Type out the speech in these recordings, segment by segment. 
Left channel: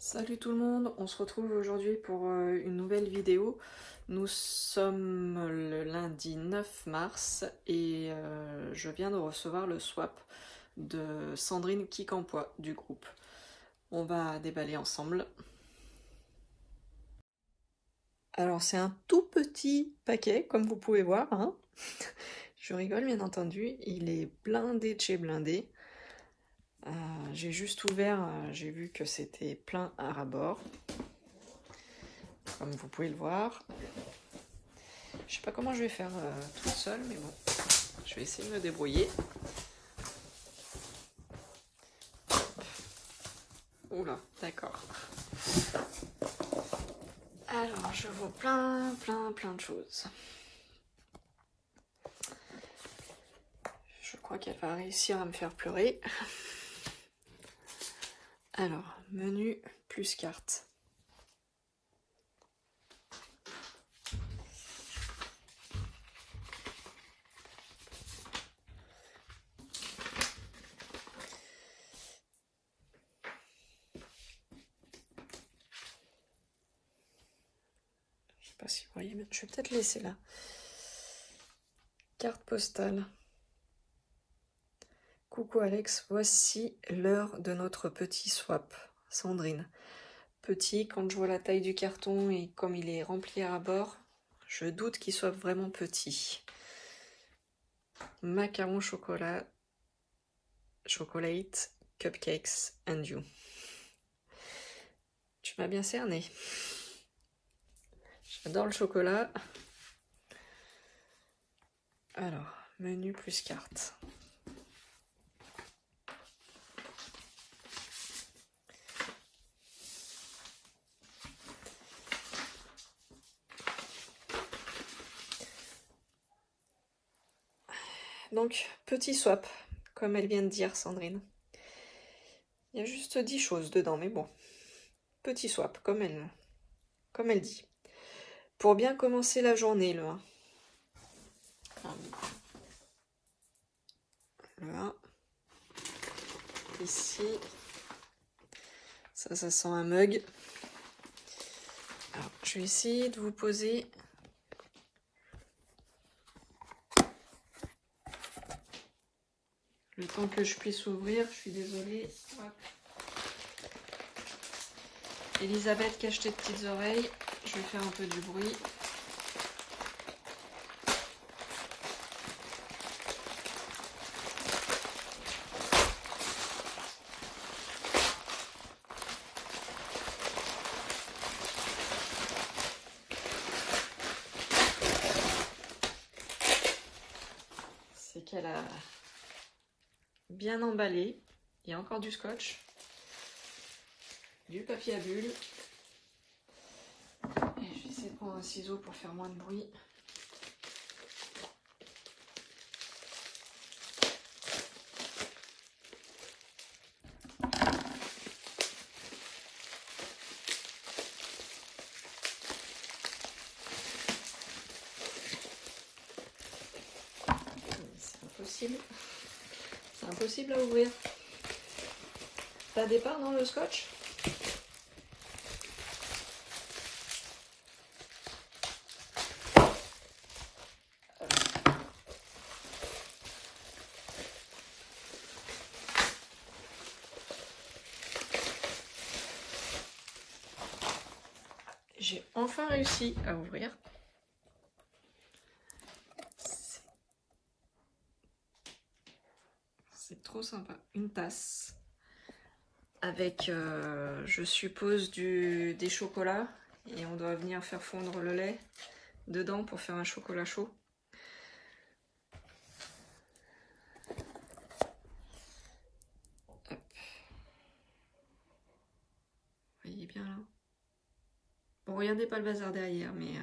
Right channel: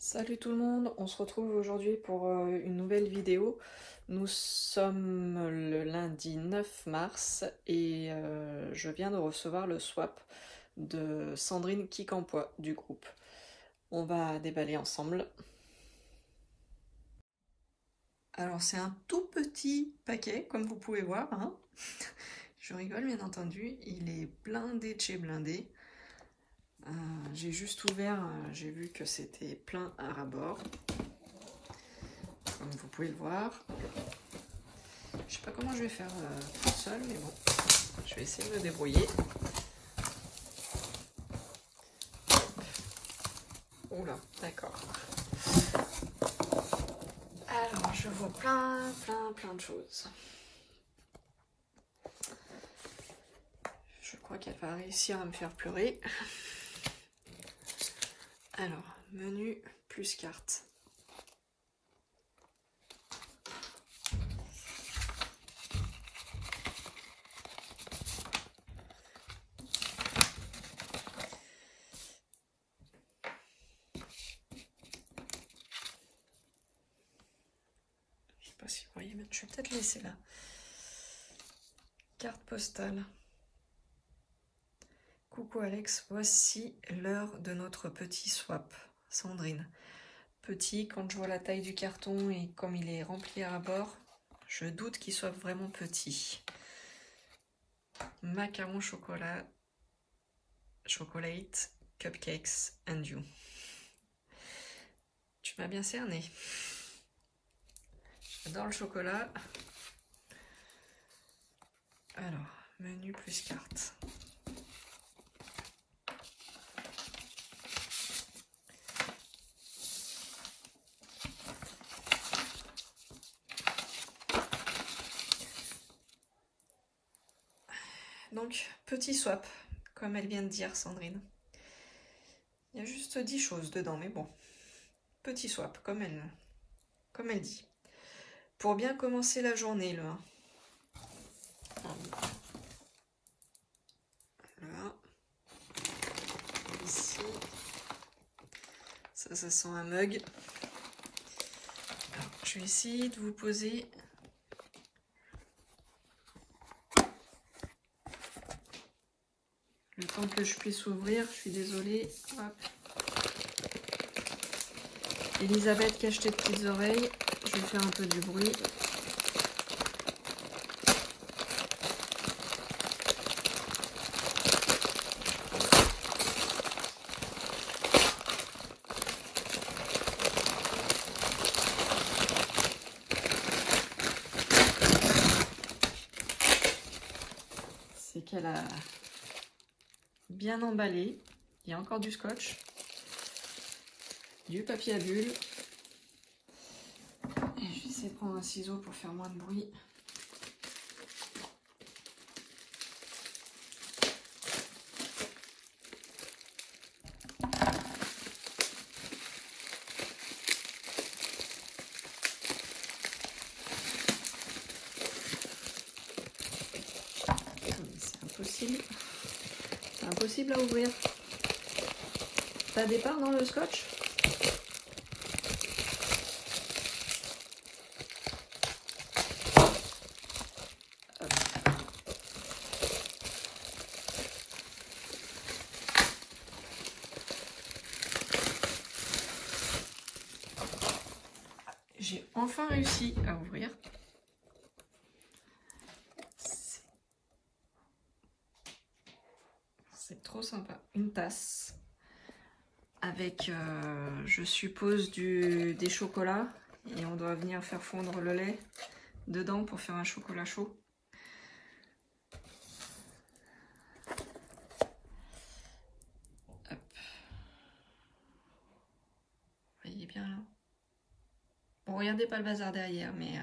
Salut tout le monde, on se retrouve aujourd'hui pour une nouvelle vidéo. Nous sommes le lundi 9 mars et je viens de recevoir le swap de Sandrine Quincampoix du groupe. On va déballer ensemble. Alors c'est un tout petit paquet comme vous pouvez voir, hein. Je rigole bien entendu, il est blindé de chez blindé. J'ai juste ouvert, j'ai vu que c'était plein à ras-bord, comme vous pouvez le voir. Je sais pas comment je vais faire toute seule, mais bon, je vais essayer de me débrouiller. Oula, d'accord. Alors, je vois plein de choses. Je crois qu'elle va réussir à me faire pleurer. Alors, menu plus carte. Je sais pas si vous voyez, mais je vais peut-être laisser là. Carte postale. Coucou Alex, voici l'heure de notre petit swap. Sandrine. Petit, quand je vois la taille du carton et comme il est rempli à bord, je doute qu'il soit vraiment petit. Macaron chocolat, chocolate, cupcakes and you. Tu m'as bien cerné. J'adore le chocolat. Alors, menu plus carte. Donc, petit swap, comme elle vient de dire, Sandrine. Il y a juste 10 choses dedans, mais bon. Petit swap, comme elle dit. Pour bien commencer la journée, le 1. Le 1. Ici. Ça sent un mug. Alors, je vais essayer de vous poser... Le temps que je puisse ouvrir, je suis désolée. Hop. Elisabeth qui a acheté de petites oreilles. Je vais faire un peu du bruit. C'est qu'elle a bien emballé. Il y a encore du scotch, du papier à bulles. Et je vais essayer de prendre un ciseau pour faire moins de bruit. C'est impossible. C'est impossible à ouvrir. T'as des parts dans le scotch? J'ai enfin réussi à ouvrir. C'est trop sympa. Une tasse avec, je suppose, des chocolats. Et on doit venir faire fondre le lait dedans pour faire un chocolat chaud. Hop. Vous voyez bien là? Bon, regardez pas le bazar derrière, mais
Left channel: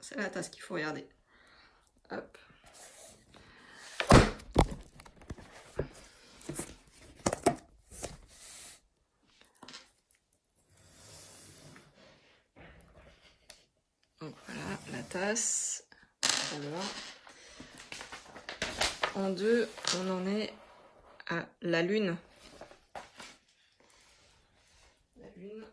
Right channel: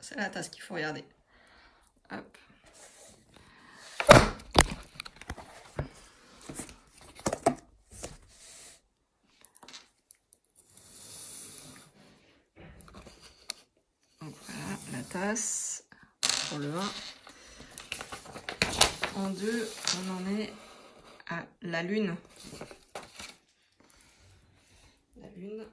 c'est la tasse qu'il faut regarder. Hop. Donc voilà, la tasse pour le 1. En 2, on en est à la lune. La lune.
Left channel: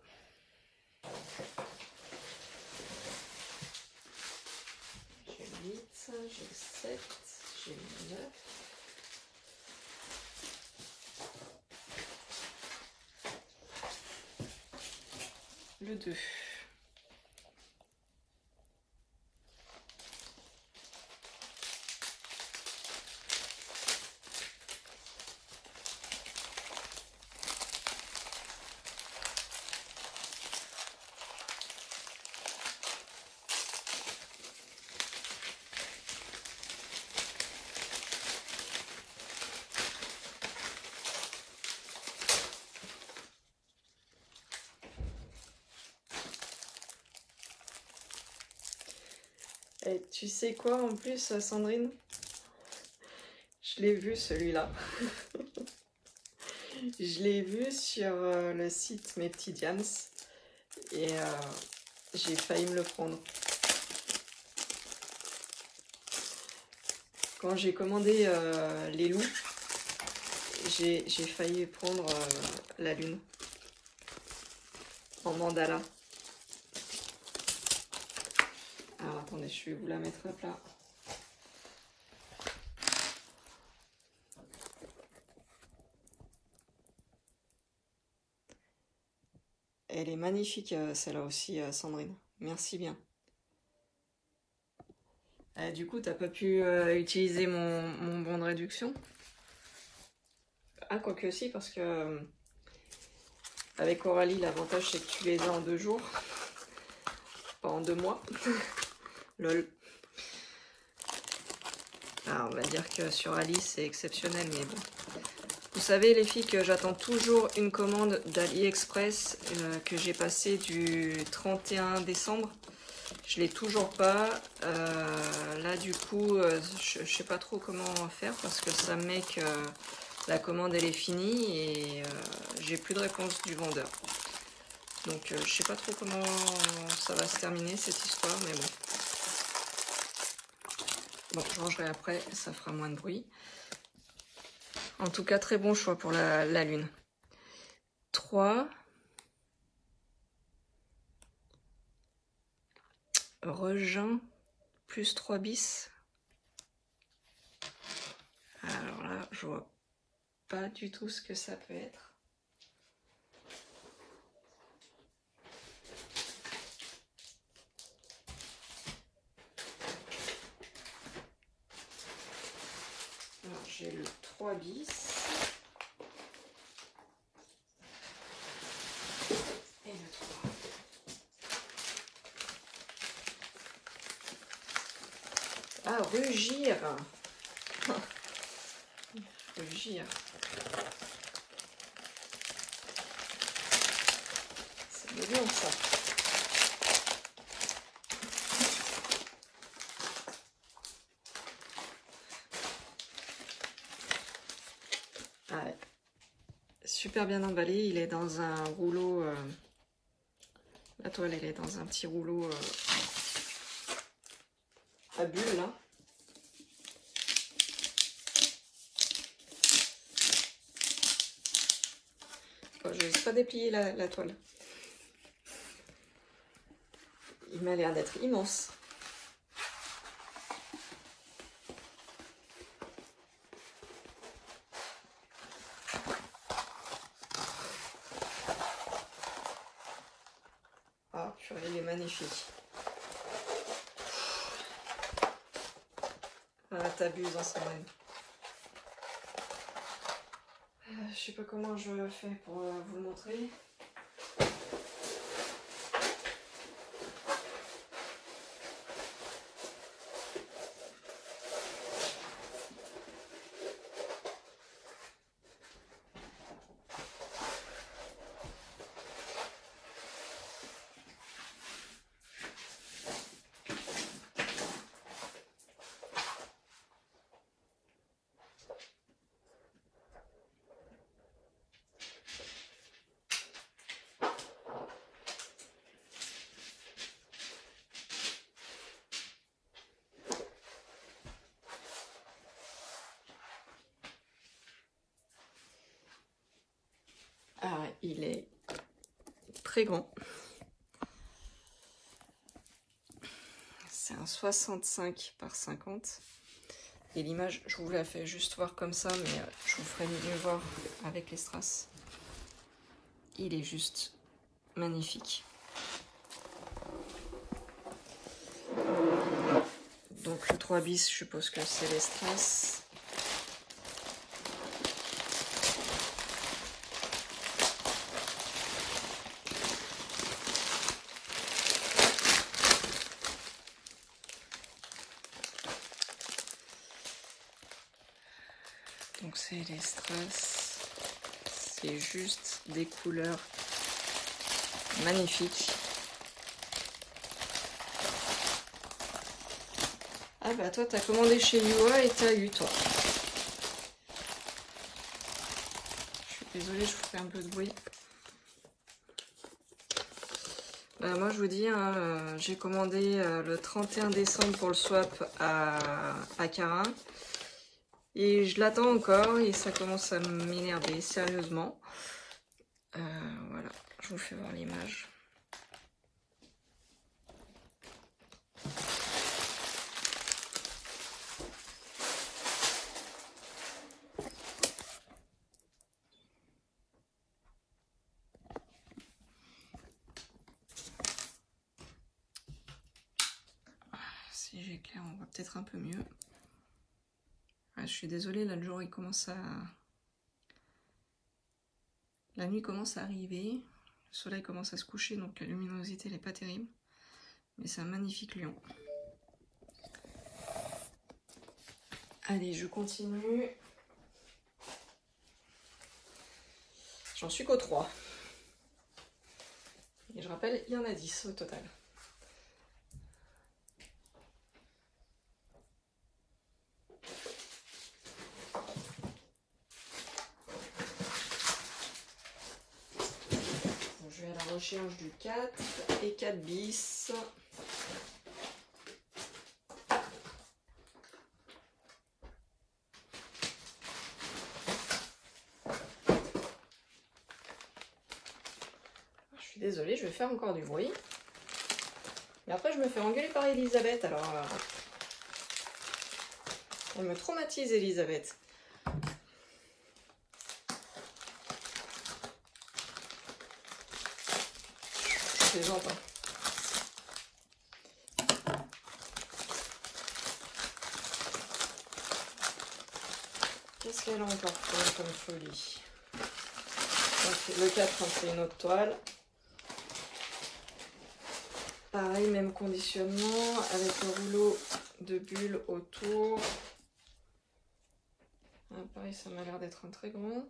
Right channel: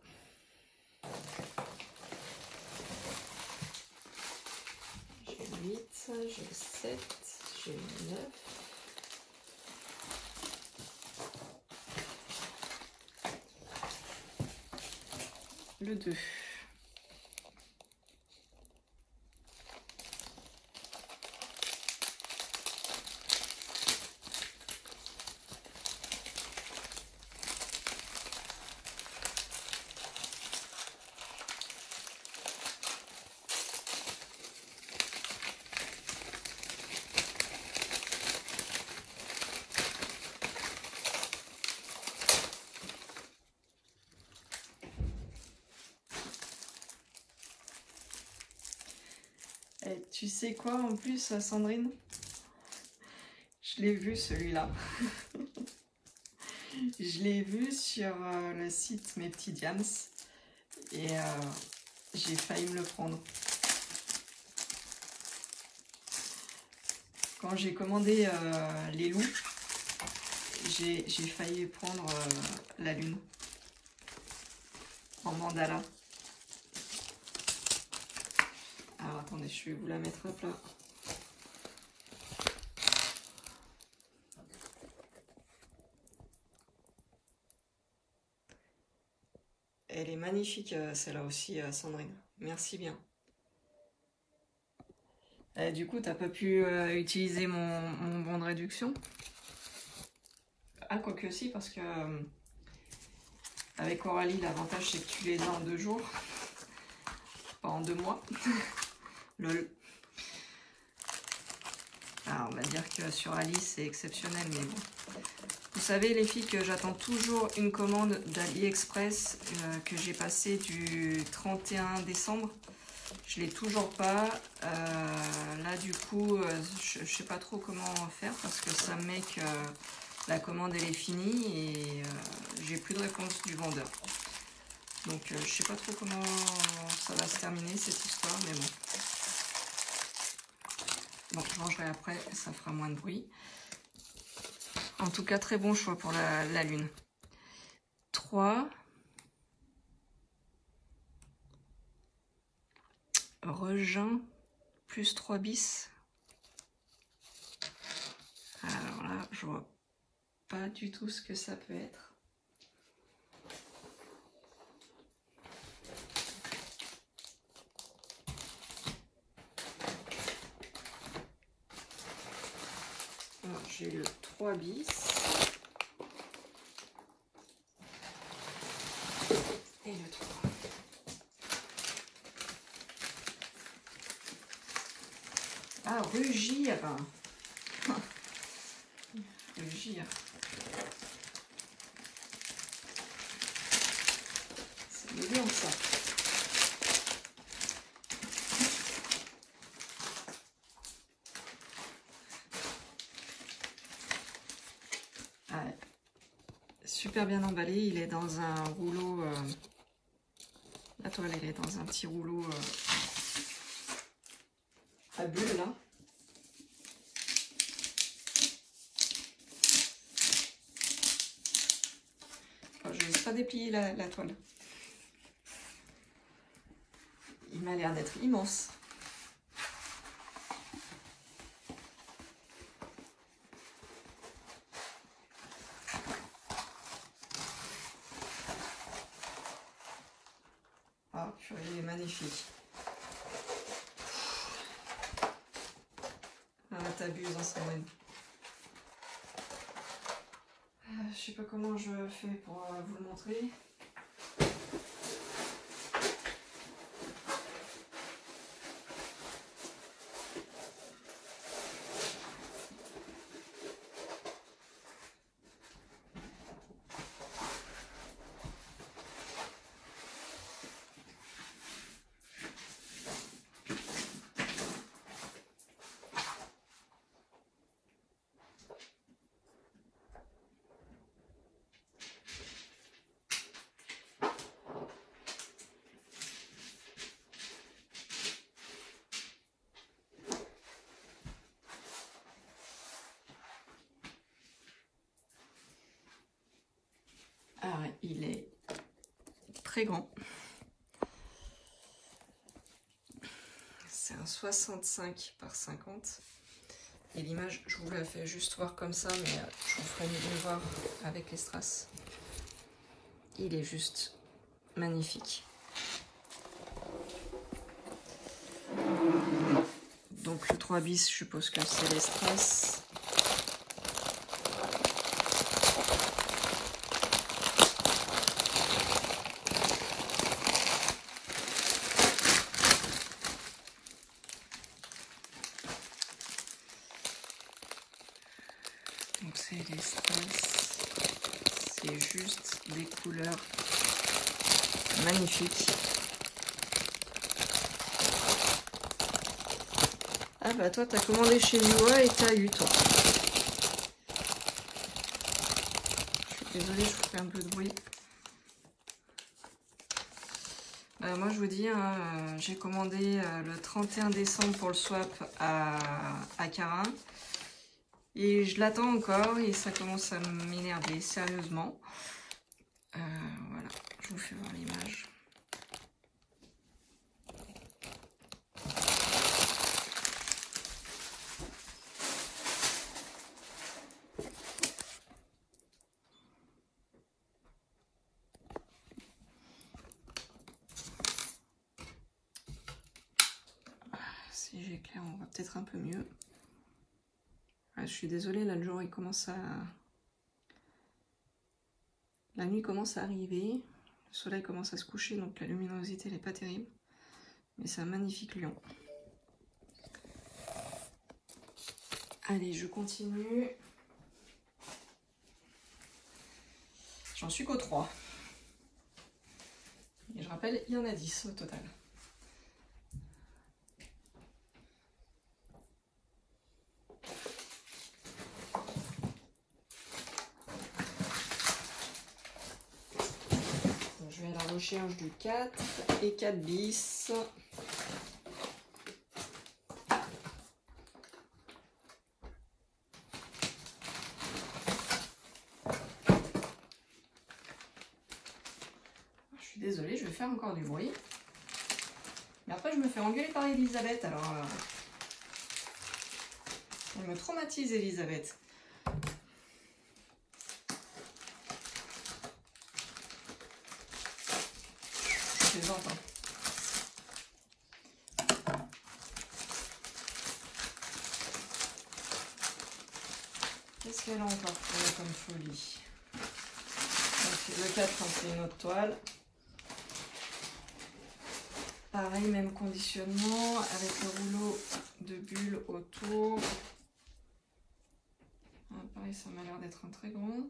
J'ai 8, j'ai 7, j'ai 9. Le 2. Et tu sais quoi en plus, Sandrine? Je l'ai vu celui-là. Je l'ai vu sur le site Mes Petits Diams et j'ai failli me le prendre. Quand j'ai commandé les loups, j'ai failli prendre la lune en mandala. Alors attendez, je vais vous la mettre à plat. Elle est magnifique celle-là aussi, Sandrine. Merci bien. Et du coup, t'as pas pu utiliser mon bon de réduction? Ah, quoique si, parce que avec Coralie, l'avantage c'est que tu les as en 2 jours, pas en 2 mois. Lol. Alors, on va dire que sur Alice, c'est exceptionnel, mais bon. Vous savez, les filles, que j'attends toujours une commande d'AliExpress que j'ai passée du 31 décembre. Je l'ai toujours pas. Là, du coup, je sais pas trop comment faire parce que ça me met que la commande, elle est finie et j'ai plus de réponse du vendeur. Donc, je sais pas trop comment ça va se terminer, cette histoire, mais bon. Bon, je rangerai après, ça fera moins de bruit. En tout cas, très bon choix pour la lune. 3. Regin, plus 3 bis. Alors là, je vois pas du tout ce que ça peut être. Alors, j'ai le 3 bis. Et le 3. Ah, rugir. Rugir. C'est mignon ça. Ouais. Super bien emballé. Il est dans un rouleau. La toile, elle est dans un petit rouleau à bulles là. Je n'ose pas déplier la toile. Il m'a l'air d'être immense. Ah, purée, il est magnifique. Ah, t'abuses en ce moment. Je sais pas comment je fais pour vous le montrer. Ah, il est très grand. C'est un 65 par 50. Et l'image, je vous la fais juste voir comme ça, mais je vous ferai mieux voir avec les strass. Il est juste magnifique. Donc le 3 bis, je suppose que c'est les strass. Donc c'est les strass. C'est juste des couleurs magnifiques. Ah bah toi t'as commandé chez Miwa et t'as eu toi. Je suis désolée, je vous fais un peu de bruit. Moi je vous dis, hein, j'ai commandé le 31 décembre pour le swap à Cara. Et je l'attends encore et ça commence à m'énerver sérieusement. Voilà, je vous fais voir l'image. Si j'éclaire, on voit peut-être un peu mieux. Je suis désolée, là le jour il commence à... La nuit commence à arriver, le soleil commence à se coucher, donc la luminosité n'est pas terrible. Mais c'est un magnifique lion. Allez, je continue. J'en suis qu'au 3. Et je rappelle, il y en a 10 au total. Je vais à la recherche du 4 et 4 bis. Je suis désolée, je vais faire encore du bruit. Mais après, je me fais engueuler par Elisabeth, alors... elle me traumatise, Elisabeth. Je plaisante, hein. Qu'est-ce qu'elle a encore fait comme folie? Donc, le 4, on fait une autre toile. Pareil, même conditionnement, avec le rouleau de bulles autour. Ah, pareil, ça m'a l'air d'être un très grand.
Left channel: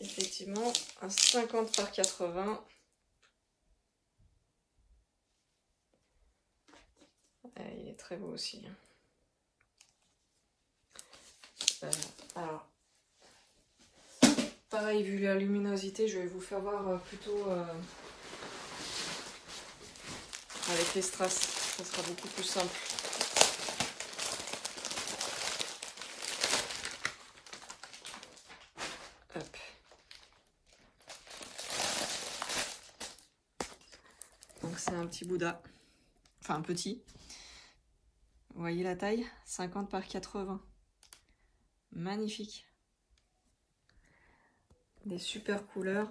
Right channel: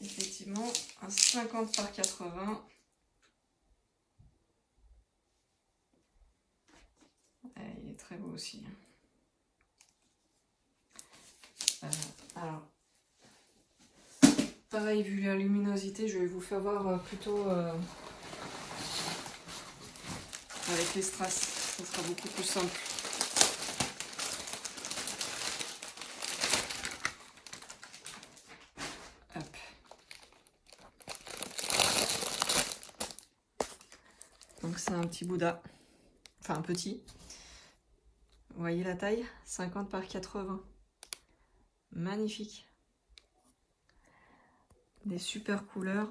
Effectivement, un 50 par 80. Il est très beau aussi. Alors, pareil, vu la luminosité, je vais vous faire voir plutôt avec les strass. Ça sera beaucoup plus simple. Hop. Donc c'est un petit Bouddha. Enfin un petit. Vous voyez la taille? 50 par 80. Magnifique. Des super couleurs.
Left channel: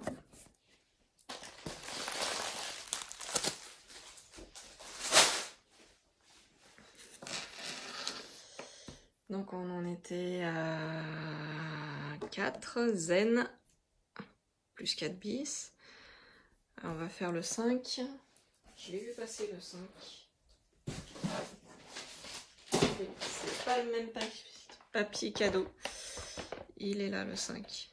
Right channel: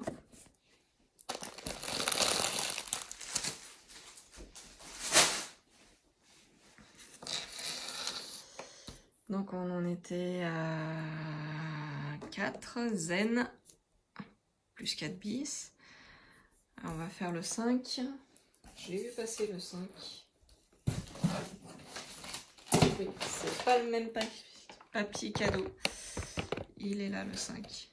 Donc on en était à 4 zen plus 4 bis. Alors on va faire le 5. Je l'ai vu passer le 5. Oui, c'est pas le même papier cadeau. Il est là le 5.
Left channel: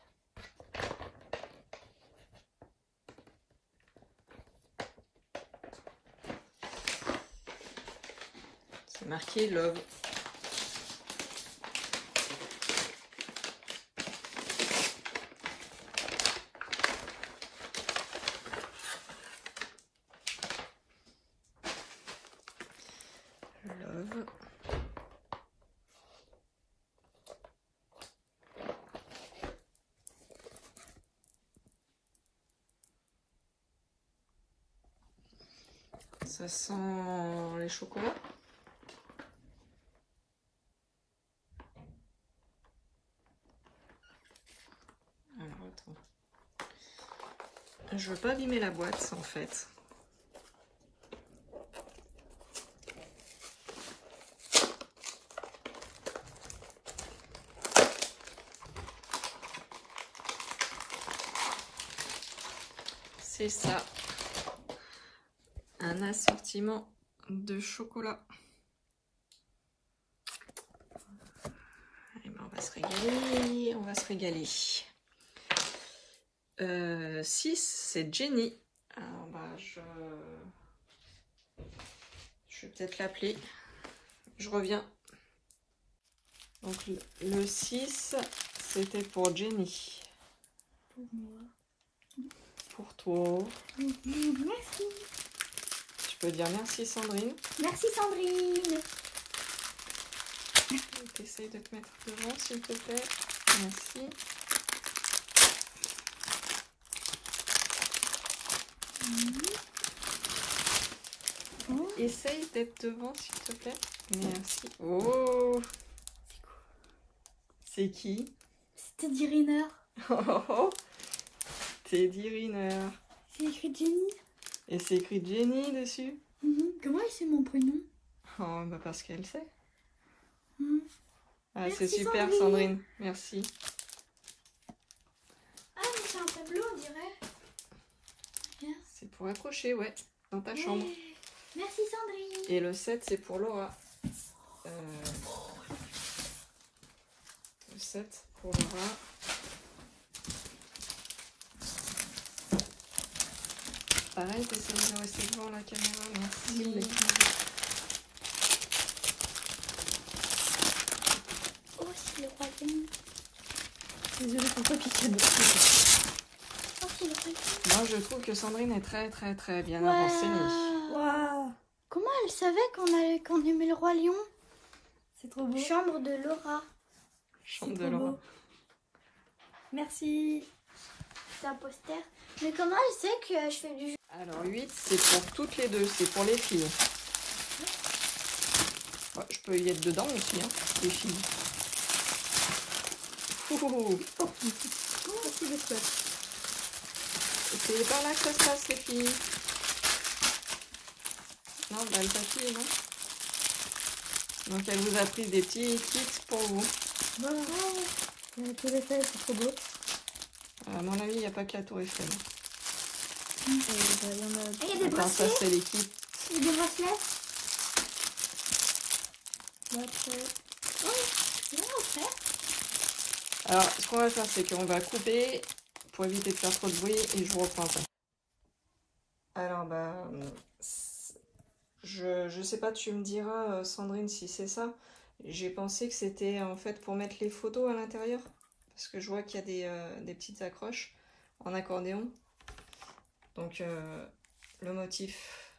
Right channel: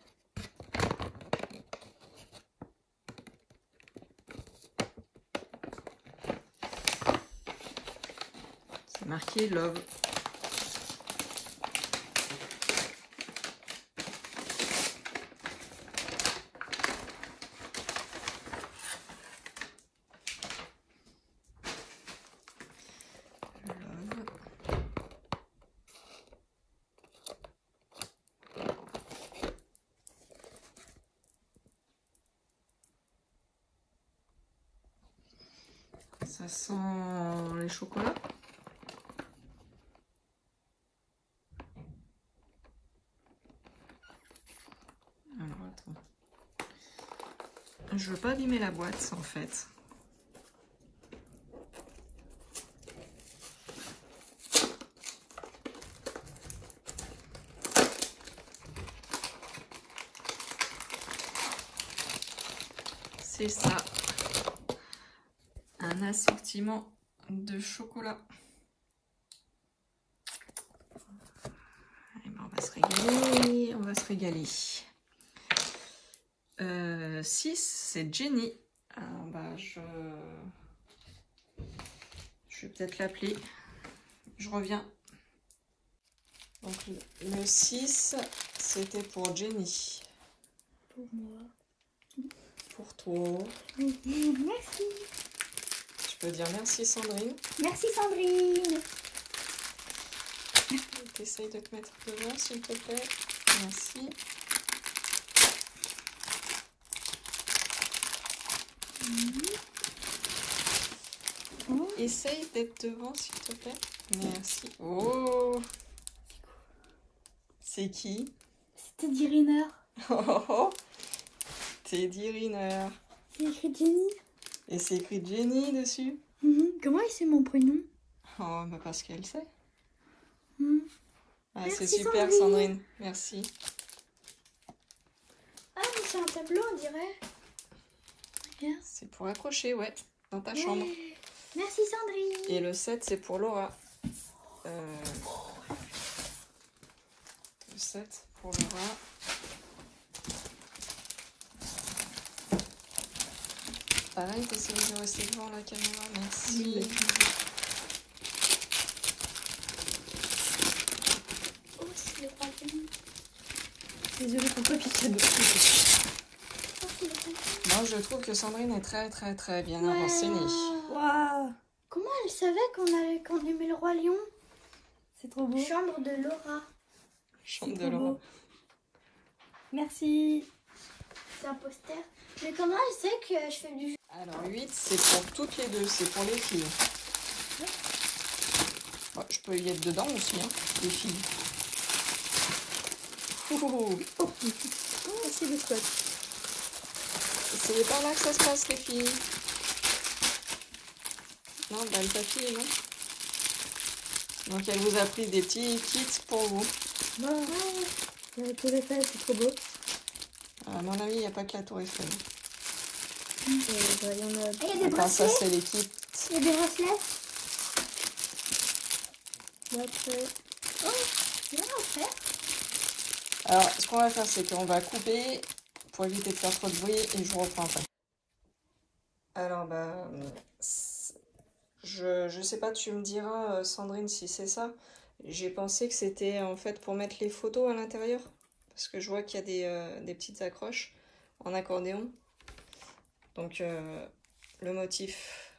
C'est marqué Love. Ça sent les chocolats. Alors attends. Je veux pas abîmer la boîte en fait. C'est ça. Un assortiment de chocolat. Eh ben, on va se régaler, on va se régaler. 6, c'est Jenny. Alors, bah, je vais peut-être l'appeler. Je reviens. Donc le 6, c'était pour Jenny. Pour moi. Pour toi. Merci. Tu peux dire merci Sandrine. Merci Sandrine. T'essayes de te mettre devant s'il te plaît. Merci. Essaye d'être devant s'il te plaît. Merci. Oh. C'est qui? C'est Teddy Riner. Oh, Teddy Riner. C'est écrit Jenny. Et c'est écrit Jenny dessus. Comment il sait mon prénom? Oh, bah parce qu'elle sait. Ah, Merci, c'est super Sandrine. Sandrine. Merci. Ah, mais c'est un tableau, on dirait. Regarde. C'est pour accrocher, ouais, dans ta chambre. Merci Sandrine. Et le 7, c'est pour Laura. Le 7 pour Laura. Pareil, t'essayes de rester devant la caméra, merci. Oui. Oh, c'est le roi Lion. Désolée pour toi, piquer de Oh, c'est le roi. Moi, je trouve que Sandrine est très bien renseignée. Waouh. Comment elle savait qu'on aimait le roi lion? C'est trop beau. Chambre de Laura. Chambre de Laura. Beau. Merci. C'est un poster. Mais comment elle sait que je fais du jeu? Alors 8, c'est pour toutes les deux, c'est pour les filles. Ouais, je peux y être dedans aussi, hein, les filles. Oh, merci le squat. C'est par là que ça se passe, les filles. Non, bah, le papier, non. Donc, elle vous a pris des petits kits pour vous. Voilà. Il y a la tour Eiffel, c'est trop beau. À mon avis, il n'y a pas que la tour Eiffel. Il y en a... Il y a des Attends, ça, bracelets. c'est les kits. Il y a des bracelets. Bracelets. Oh, c'est vraiment faire. Alors, ce qu'on va faire, c'est qu'on va couper pour éviter de faire trop de bruit et je vous reprends après. Alors, bah, je sais pas, tu me diras, Sandrine, si c'est ça. J'ai pensé que c'était en fait pour mettre les photos à l'intérieur. Parce que je vois qu'il y a des petites accroches en accordéon. Donc, le motif,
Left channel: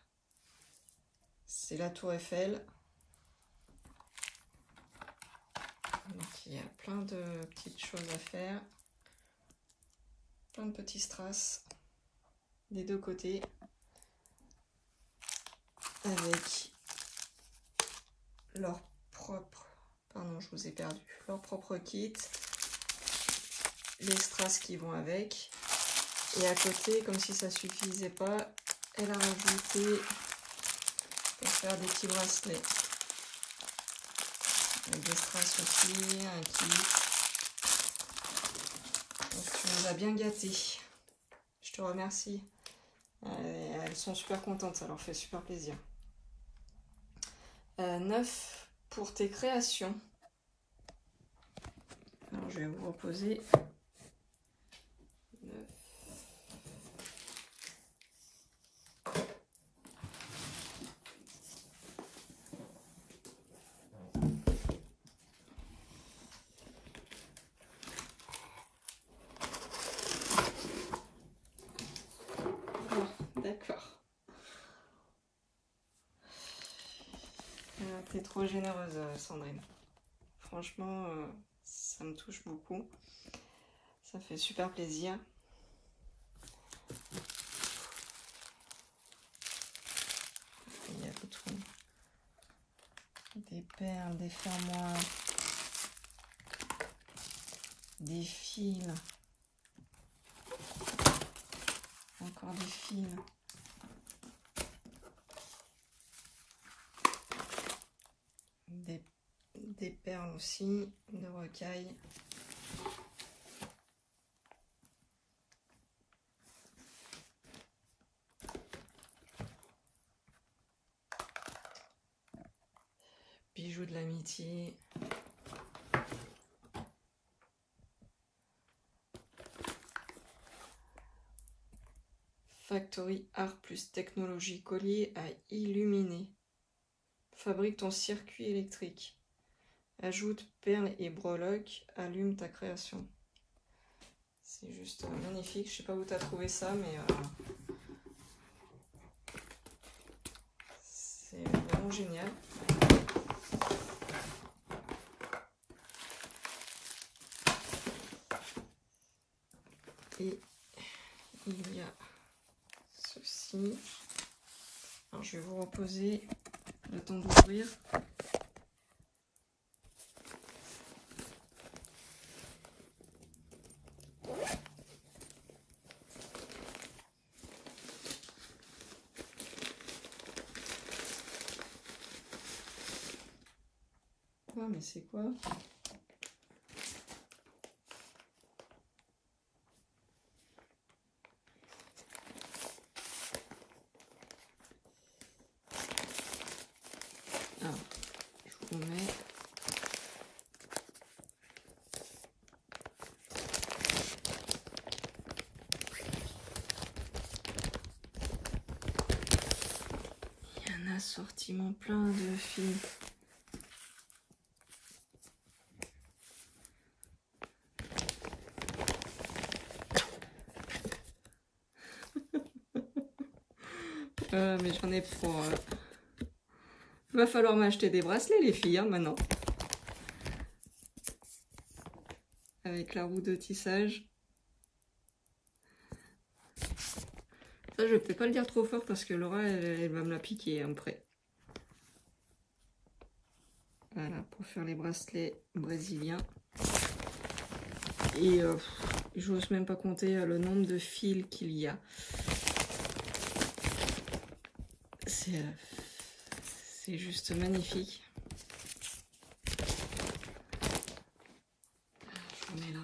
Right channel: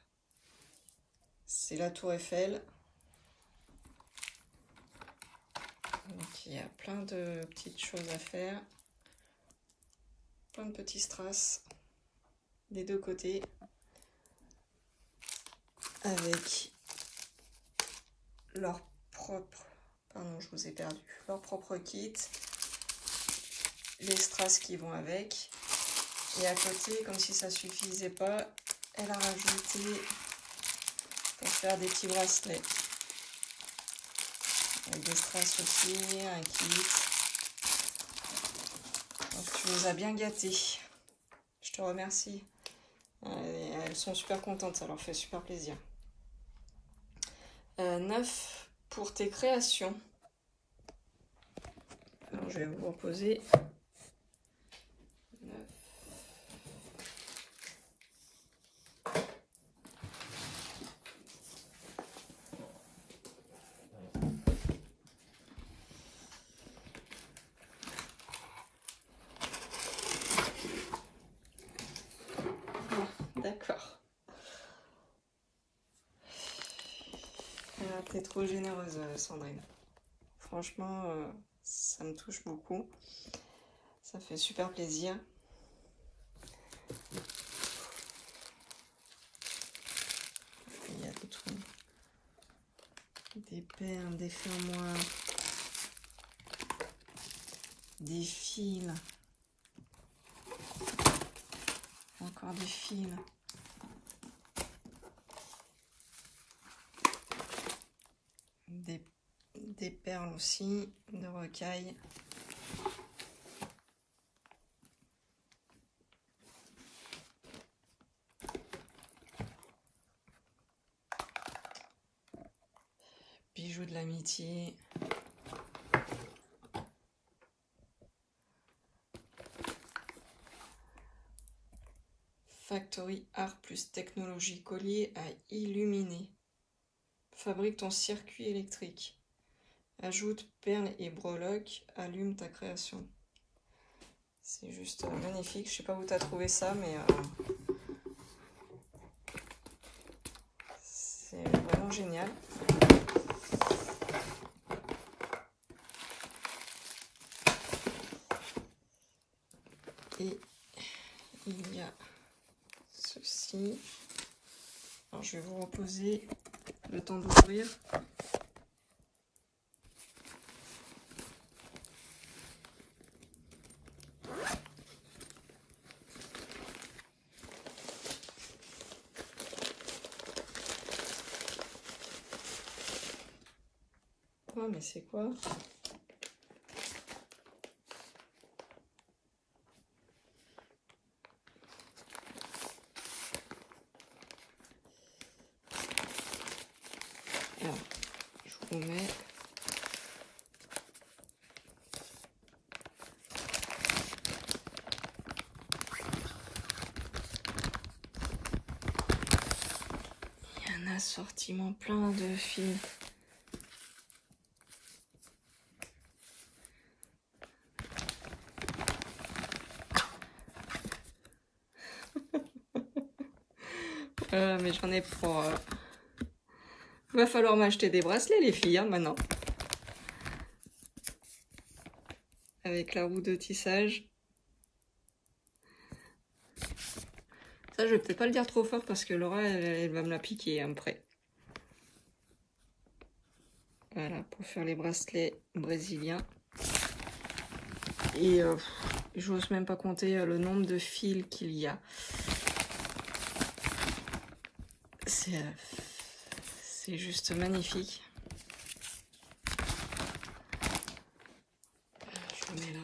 c'est la tour Eiffel. Donc, il y a plein de petites choses à faire. Plein de petits strass des deux côtés. Avec leur propre... Pardon, je vous ai perdu. Leur propre kit. Les strass qui vont avec. Et à côté, comme si ça suffisait pas, elle a rajouté pour faire des petits bracelets. Avec des strass aussi, un kit. Donc tu nous as bien gâtés. Je te remercie. Elles sont super contentes, ça leur fait super plaisir. 9 pour tes créations. Alors je vais vous reposer. 9. D'accord. T'es trop généreuse, Sandrine. Franchement, ça me touche beaucoup. Ça fait super plaisir. tout. Des perles, des fermoirs, des fils, encore des fils. Des perles aussi, de rocaille. Bijoux de l'amitié. Factory Art plus technologie, collier à illuminer. Fabrique ton circuit électrique. Ajoute perles et breloques, allume ta création. C'est juste magnifique. Je sais pas où tu as trouvé ça, mais c'est vraiment génial. Et il y a ceci. Alors, je vais vous reposer le temps d'ouvrir. Oh, mais c'est quoi? Alors, je vous mets. Il y a un assortiment plein de fils. Mais j'en ai pour... Il va falloir m'acheter des bracelets, les filles, hein, maintenant. Avec la roue de tissage. Ça, je vais peut-être pas le dire trop fort parce que Laura, elle va me la piquer après. Voilà, pour faire les bracelets brésiliens. Et j'ose même pas compter le nombre de fils qu'il y a. C'est juste magnifique. Je le mets là.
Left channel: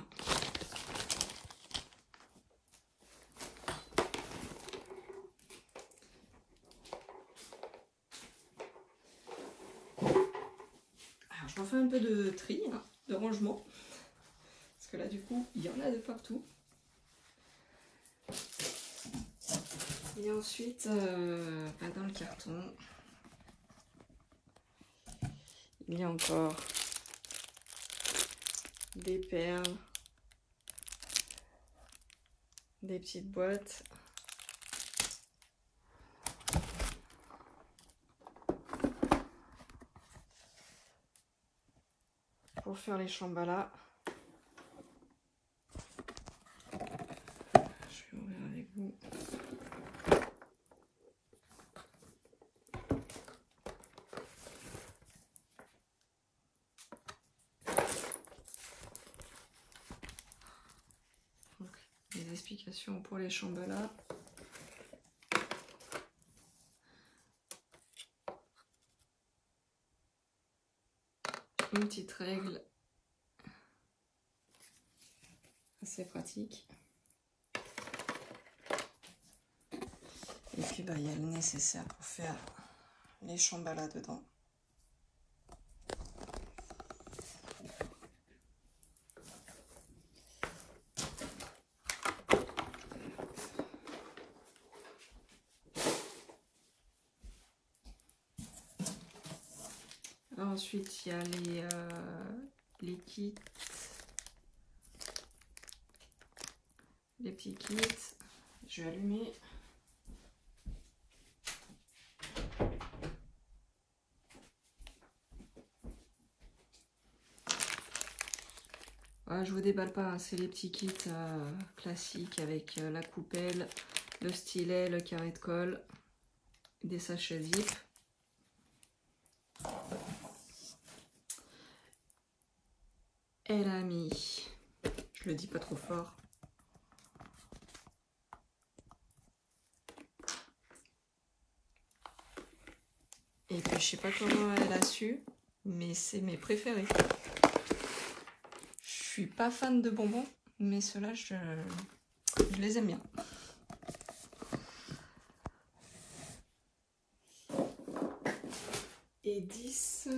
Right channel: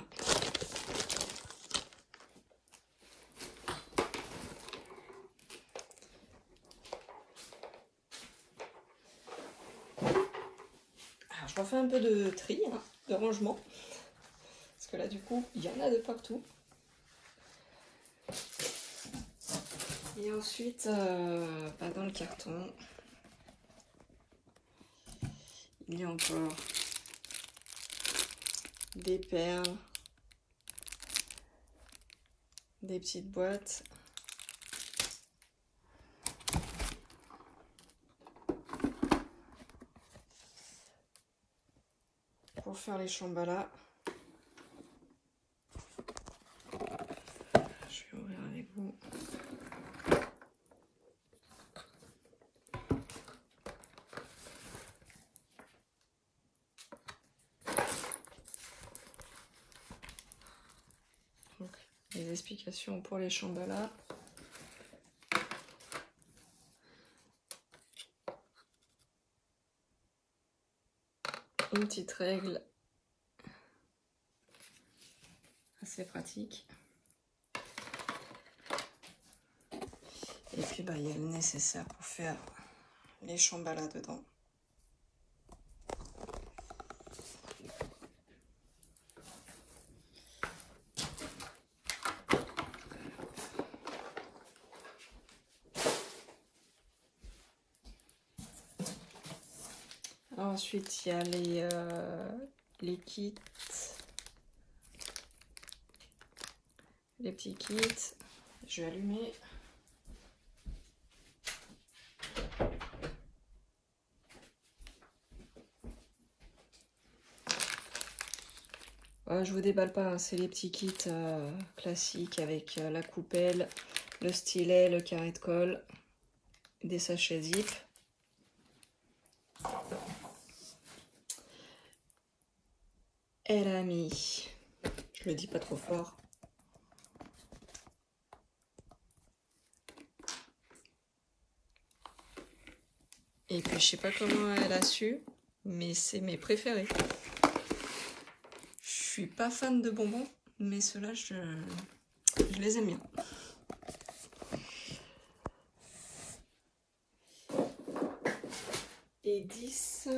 Alors, je refais un peu de tri, hein, de rangement. Parce que là, du coup, il y en a de partout. Et ensuite, dans le carton, il y a encore des perles, des petites boîtes. Pour faire les chambalas. Je vais ouvrir avec vous. Donc, les explications pour les chambalas. Une petite règle assez pratique. Et puis il y a le nécessaire pour faire les chambalas dedans. Ensuite, il y a les kits, les petits kits. Je vais allumer. Je vous déballe pas, hein, c'est les petits kits classiques avec la coupelle, le stylet, le carré de colle, des sachets zip. Elle a mis, je le dis pas trop fort, et puis je sais pas comment elle a su, mais c'est mes préférés. Je suis pas fan de bonbons, mais ceux-là je les aime bien. Et 10.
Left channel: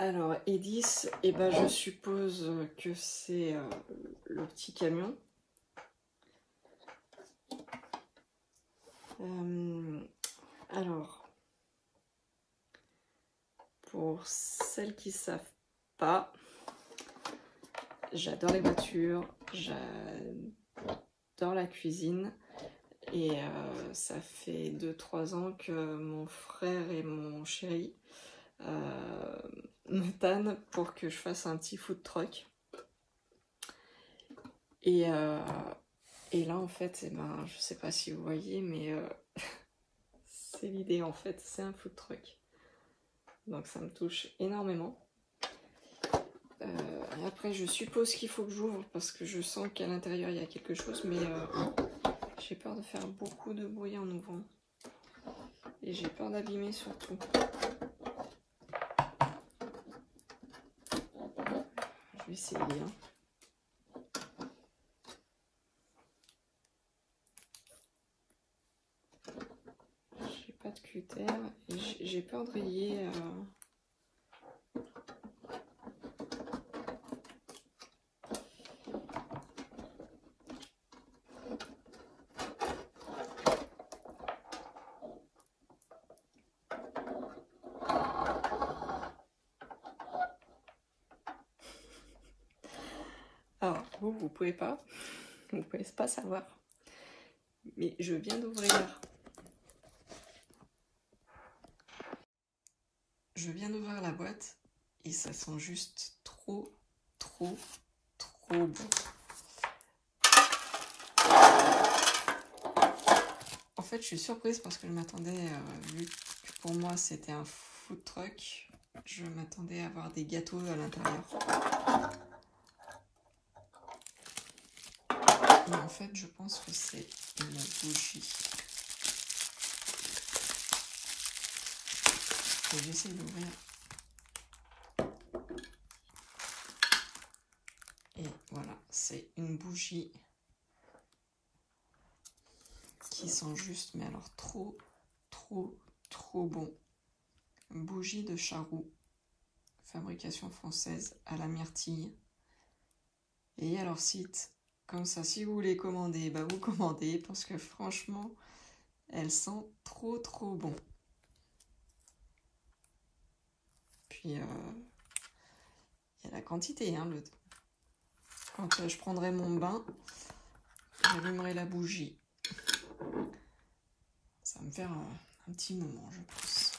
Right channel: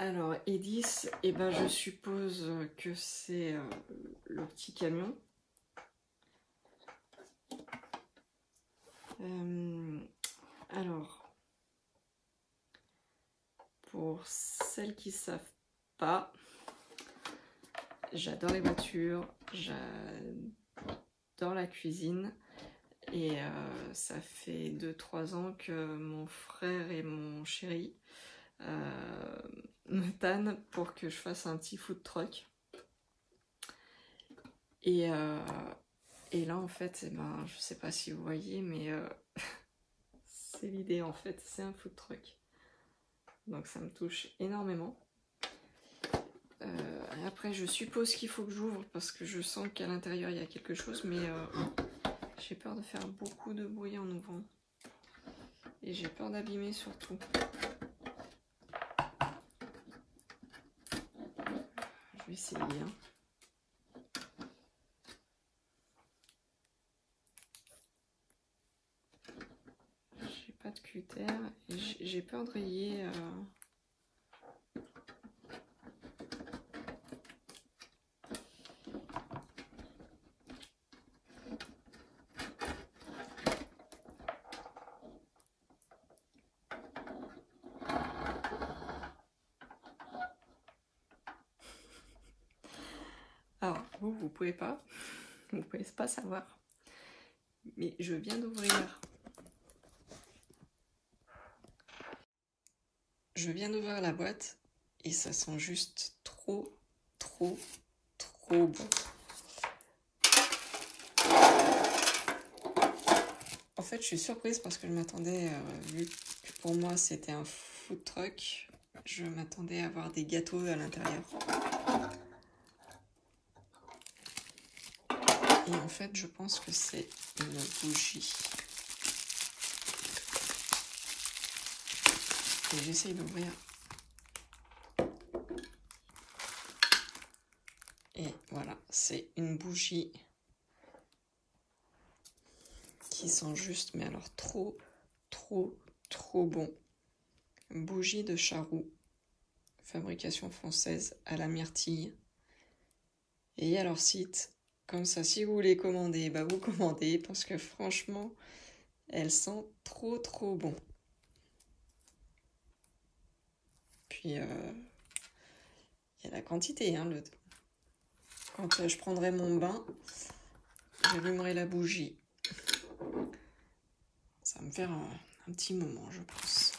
Alors, Edis, eh ben, je suppose que c'est le petit camion. Alors, pour celles qui ne savent pas, j'adore les voitures, j'adore la cuisine. Et ça fait 2-3 ans que mon frère et mon chéri me tannent pour que je fasse un petit food truck. Et là en fait, eh ben, je sais pas si vous voyez, mais c'est l'idée en fait, c'est un food truck. Donc ça me touche énormément. Après je suppose qu'il faut que j'ouvre parce que je sens qu'à l'intérieur il y a quelque chose, mais j'ai peur de faire beaucoup de bruit en ouvrant. Et j'ai peur d'abîmer surtout. Je vais essayer. Hein. J'ai pas de cutter. J'ai peur de rayer. Alors, vous pouvez pas savoir. Mais je viens d'ouvrir. Je viens d'ouvrir la boîte et ça sent juste trop bon. En fait, je suis surprise parce que je m'attendais, vu que pour moi c'était un food truck, je m'attendais à avoir des gâteaux à l'intérieur. Et en fait, je pense que c'est une bougie. Et j'essaye d'ouvrir. Et voilà, c'est une bougie qui sent juste, mais alors trop bon. Bougie de Charroux, fabrication française à la myrtille. Et il y a leur site. Comme ça, si vous voulez commander, bah vous commandez parce que franchement, elles sentent trop bon. Puis, il y a la quantité. Hein, quand je prendrai mon bain, j'allumerai la bougie. Ça va me faire un petit moment, je pense.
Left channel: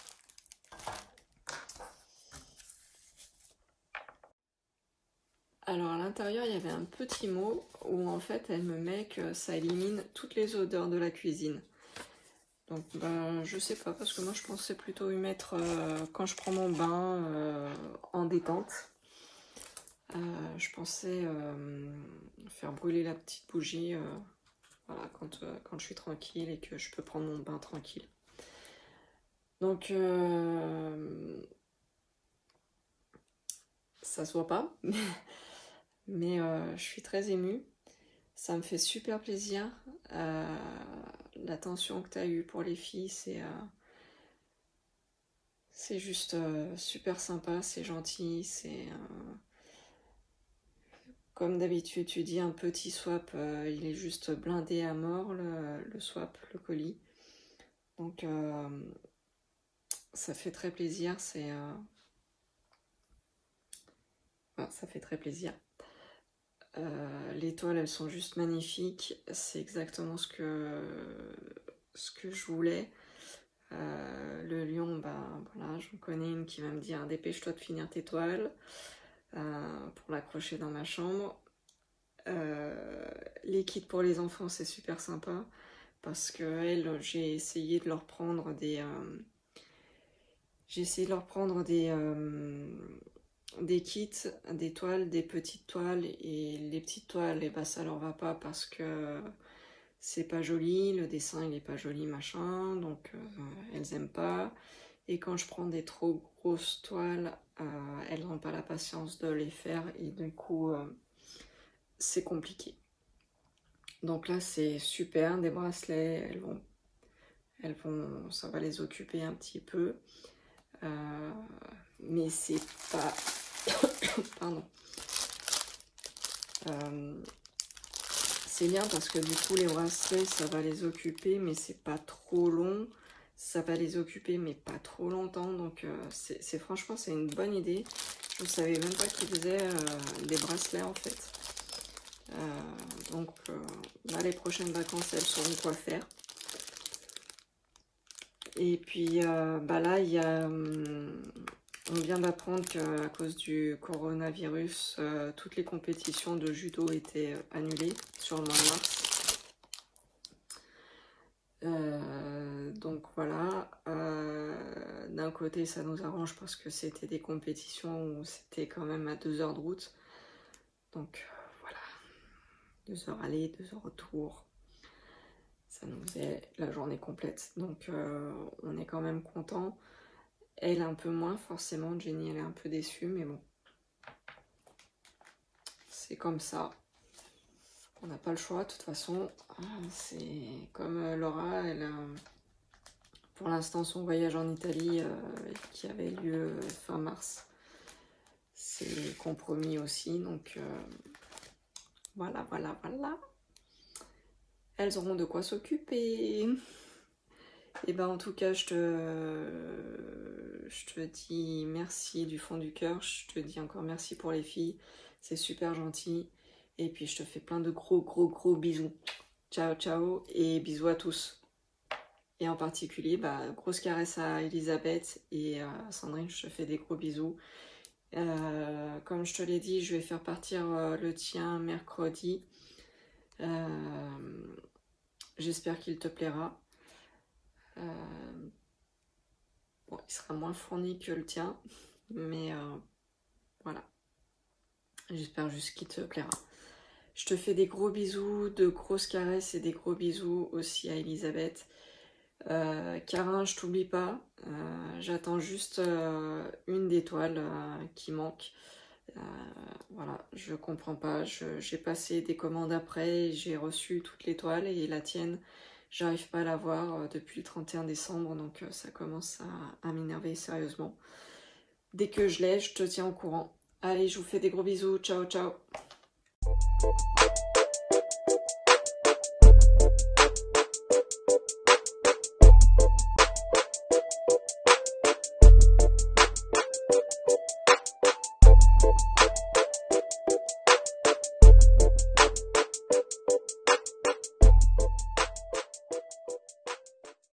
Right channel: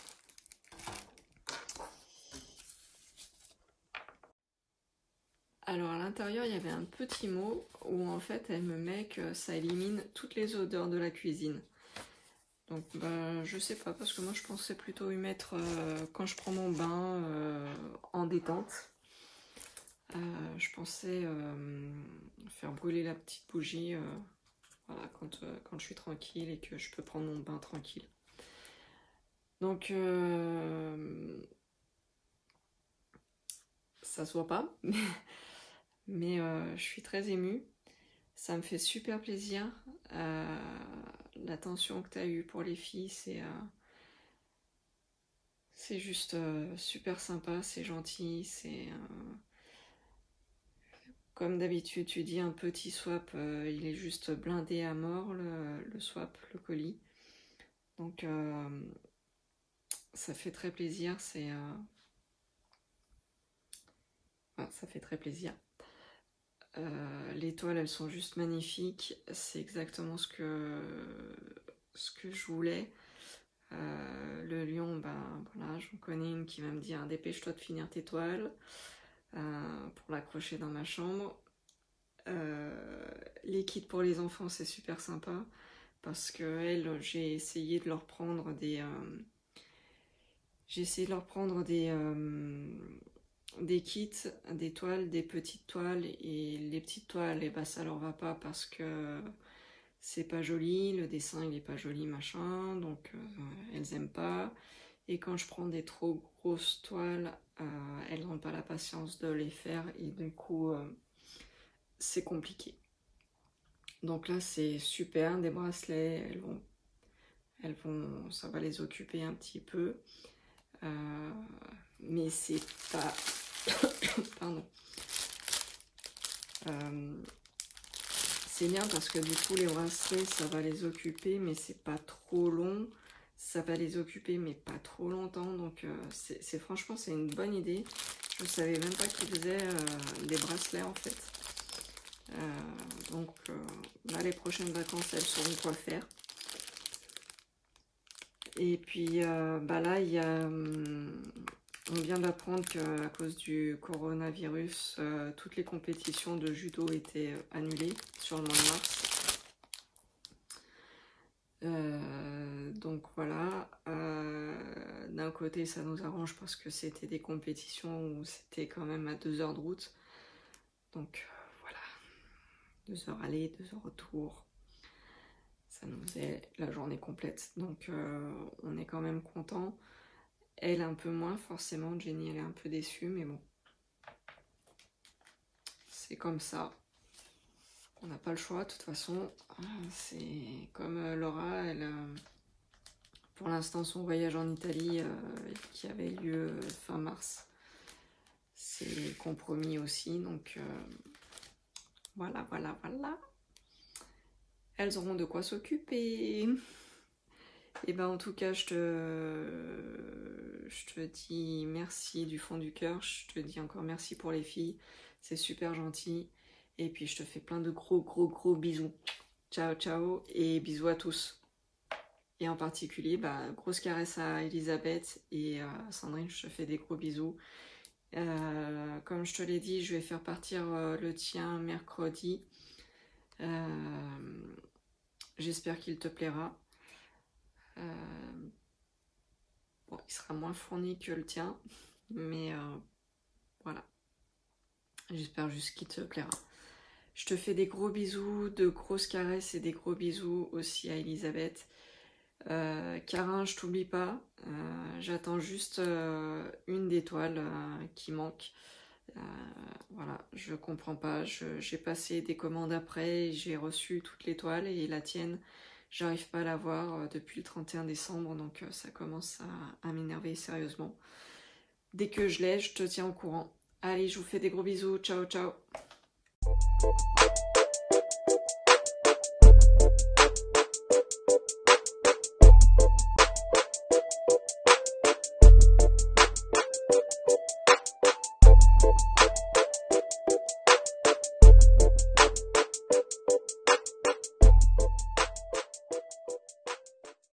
Alors à l'intérieur, il y avait un petit mot où en fait elle me met que ça élimine toutes les odeurs de la cuisine. Donc bah, je sais pas, parce que moi je pensais plutôt y mettre quand je prends mon bain en détente. Je pensais faire brûler la petite bougie voilà, quand je suis tranquille et que je peux prendre mon bain tranquille. Donc ça se voit pas, mais je suis très émue. Ça me fait super plaisir. L'attention que tu as eue pour les filles, c'est juste super sympa, c'est gentil, c'est... Comme d'habitude, tu dis un petit swap, il est juste blindé à mort, le swap, le colis. Donc ça fait très plaisir, ça fait très plaisir. Les toiles, elles sont juste magnifiques. C'est exactement ce que ce que je voulais. Le lion, ben voilà, j'en connais une qui va me dire dépêche-toi de finir tes toiles pour l'accrocher dans ma chambre. Les kits pour les enfants, c'est super sympa parce que j'ai essayé de leur prendre des des kits, des toiles, des petites toiles, et les petites toiles, et ben ça leur va pas parce que c'est pas joli, le dessin il est pas joli machin, donc elles aiment pas. Et quand je prends des trop grosses toiles, elles n'ont pas la patience de les faire, et du coup c'est compliqué. Donc là c'est super, des bracelets, ça va les occuper un petit peu, mais c'est pas pardon. C'est bien parce que du coup les bracelets ça va les occuper, mais c'est pas trop long. Ça va les occuper mais pas trop longtemps, donc franchement c'est une bonne idée. Je ne savais même pas qu'ils faisaient des bracelets en fait. Donc là les prochaines vacances elles sauront quoi faire. Et puis bah là il y a on vient d'apprendre qu'à cause du coronavirus, toutes les compétitions de judo étaient annulées sur le mois de mars. Donc voilà, d'un côté ça nous arrange parce que c'était des compétitions où c'était quand même à 2 heures de route. Donc voilà, 2 heures aller, 2 heures retour. Ça nous faisait la journée complète. Donc on est quand même content. Elle un peu moins forcément, Jenny elle est un peu déçue, mais bon. C'est comme ça. On n'a pas le choix, de toute façon. C'est comme Laura, elle pour l'instant son voyage en Italie qui avait lieu fin mars, c'est compromis aussi, donc voilà. Elles auront de quoi s'occuper. Et ben en tout cas je te dis merci du fond du cœur, je te dis encore merci pour les filles, c'est super gentil, et puis je te fais plein de gros bisous. Ciao ciao et bisous à tous. Et en particulier, bah, grosse caresse à Elisabeth et à Sandrine, je te fais des gros bisous. Comme je te l'ai dit, je vais faire partir le tien mercredi. J'espère qu'il te plaira. Bon, il sera moins fourni que le tien, mais voilà. J'espère juste qu'il te plaira. Je te fais des gros bisous, de grosses caresses et des gros bisous aussi à Elisabeth. Carin, je t'oublie pas, j'attends juste une des toiles qui manque. Voilà, je comprends pas, j'ai passé des commandes après, j'ai reçu toutes les toiles et la tienne, j'arrive pas à la voir depuis le 31 décembre, donc ça commence à m'énerver sérieusement. Dès que je l'ai, je te tiens au courant. Allez, je vous fais des gros bisous, ciao ciao.